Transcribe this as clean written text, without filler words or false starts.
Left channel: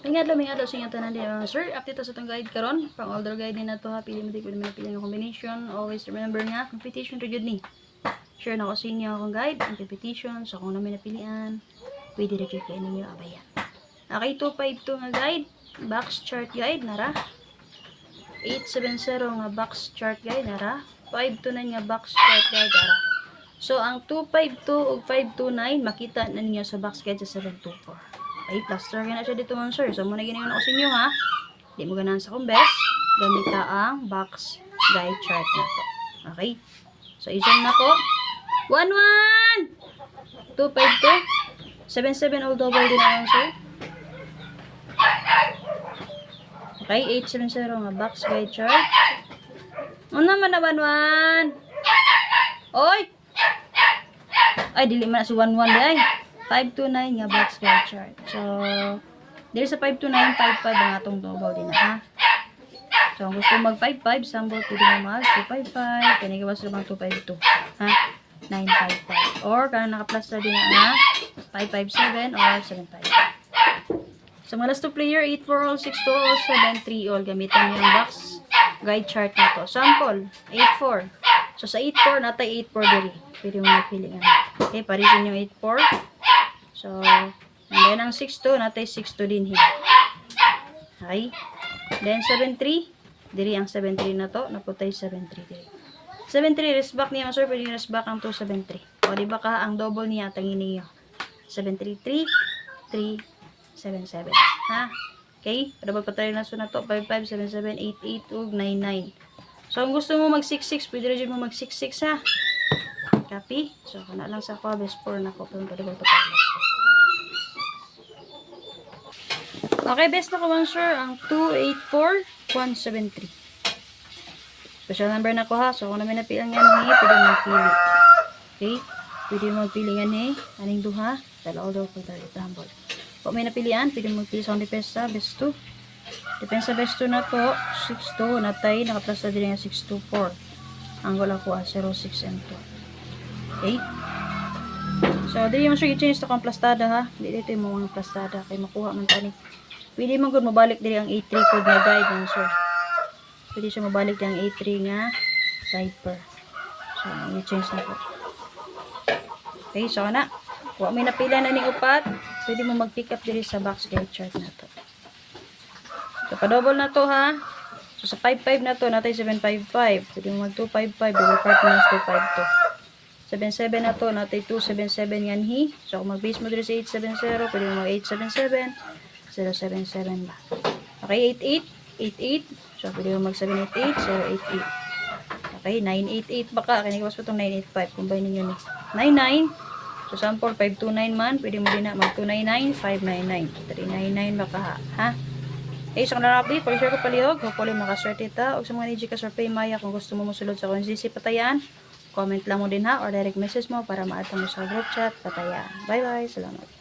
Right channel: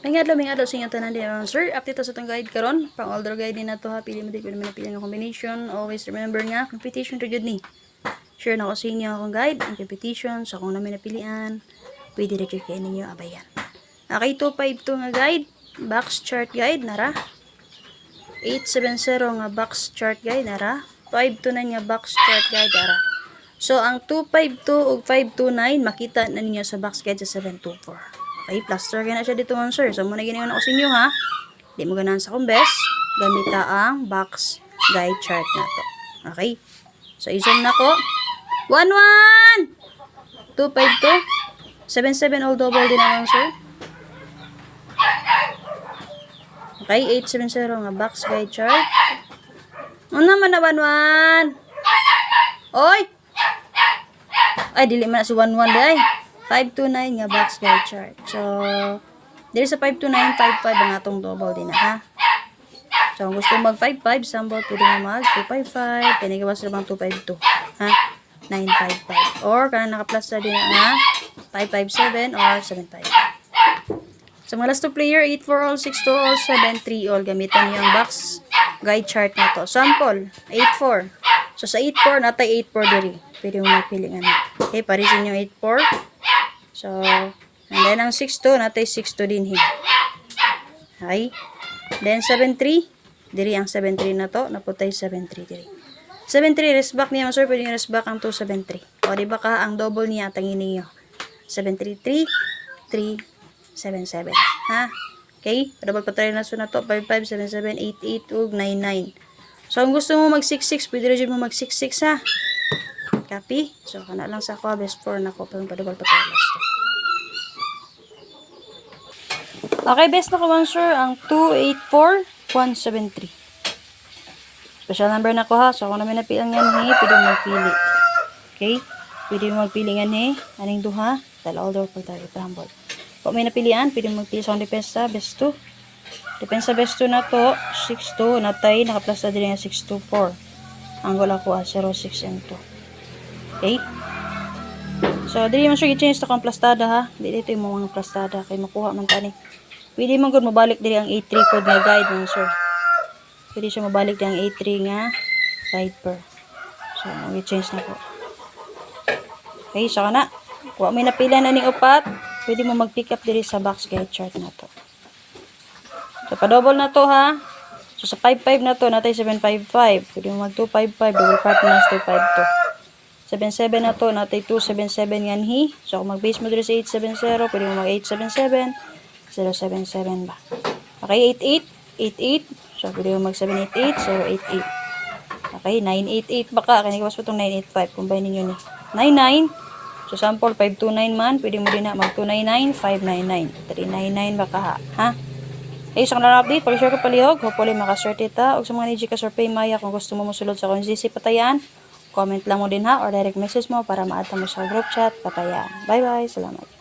May adlaw sa inyong tanan din sir. Update sa itong guide karon. Pang older guide din na to ha. Pili mo din ko naman napili ng combination. Always remember nga, competition to good ni. Sure na ko sa inyo akong guide. Ang competition. So kung namin napilian, pwede rin kayo ninyo abayan. Okay, 252 nga guide. Box chart guide, nara. 870 nga box chart guide, nara. 529 nga box chart guide, nara. So, ang 252 ug 529, makita na ninyo sa box guide sa 724. Okay, plaster na siya dito mga sir. So, muna ginayon ako sa inyo ha. Di mo ganahan sa kong best. Gamita ang box guide chart na to. Okay? So, i-zoom na ko. 11! 252. 77 all double din naman sir. Okay, 870 nga box guide chart. Ano naman na 11? Oy! Ay, dili man na si 11 day. 529 nga box guide chart. So, there sa 529, 55 ang atong double din na ha. So, kung gusto mag 55, sample pwede mo mag 255. Pinigawas na bang 252. Ha? 955. Or, kung naka-plus na din na 557 or 75. So, mga last two player, 8-4 all, 6-2 all, 7-3 all. Gamitan niyo ang box guide chart na to. Sample, 8-4. So, sa 8-4, natay 8-4 diri. Pwede mo magpili nga na. Okay, parisin yung 8-4. So, and then ang 6-2, natay 6-2 din. Okay. Then, 7-3. Diri ang 7-3 na to. Naputay 7-3 diri. 7-3, rest back niya, sir. Pwede yung rest back ang 2-7-3. O, diba ka, ang double niya, tangin niyo. 7-3-3, 3-7-7. Ha? Okay? Double combination na to. 5-5, 7-7, 8-8, ug 9-9. So, kung gusto mo mag 6-6, pwede rin mo mag 6-6 ha. Copy? So, kana lang sa ako, best 4 na ko. Padugol pa tayo. Okay, best na ko one sir, ang 284-173. Special number na ko ha. So, kung namin napilang yan pwede mo magpili. Okay? Pwede mo magpili yan aning duha. Dalaw daw pag tayo tambol. Kung may napilian, pwede mo magpili sa depensa, best 2. Depensa best 2 na to, 6-2, natay, naka-plus na din nga 6-2-4. Ang wala ko 0-6 and 2. Okay? So, dili mo siya i-change to kang plastada ha. Dili dito yung mga plastada. Kaya makuha man tani. Pwede man good mabalik diri ang 8-3 code nga guide mo sir. Pwede siya mabalik diri ang 8-3 nga guide per. So, mag-change na ko. Okay, so kana. Kung may napila na ning upat, pwede mo mag-pick up diri sa box guide chart na to. So, pa-double na to ha. So, sa 5-5 na to, natay 7-5-5. Pwede mo mag-2-5-5. Double partners 2-5-2. 7-7 na to, natay 2-7-7 yan hi. So, kung mag-base mo dito sa 8-7-0, pwede mo mag-8-7-7, 0-7-7 ba. Okay, 8-8, 8-8. So, pwede mo mag-7-8-8, 0-8-8. Okay, 9-8-8 baka. Kanikawas po itong 9-8-5. Combine ninyo ni 9-9. So, sample 5-2-9 man. Pwede mo din na mag-2-9-9, 5-9-9. 3-9-9 baka ha. Okay, so kung na-update, pag-share ko palihog. Hopefully, makaswerte ta. O sa mga niji ka survey maya, kung gusto mo musulod sa konsisi patayan, comment lang mo din ha or direct message mo para maata mo sa group chat. Patayan. Bye-bye. Salamat.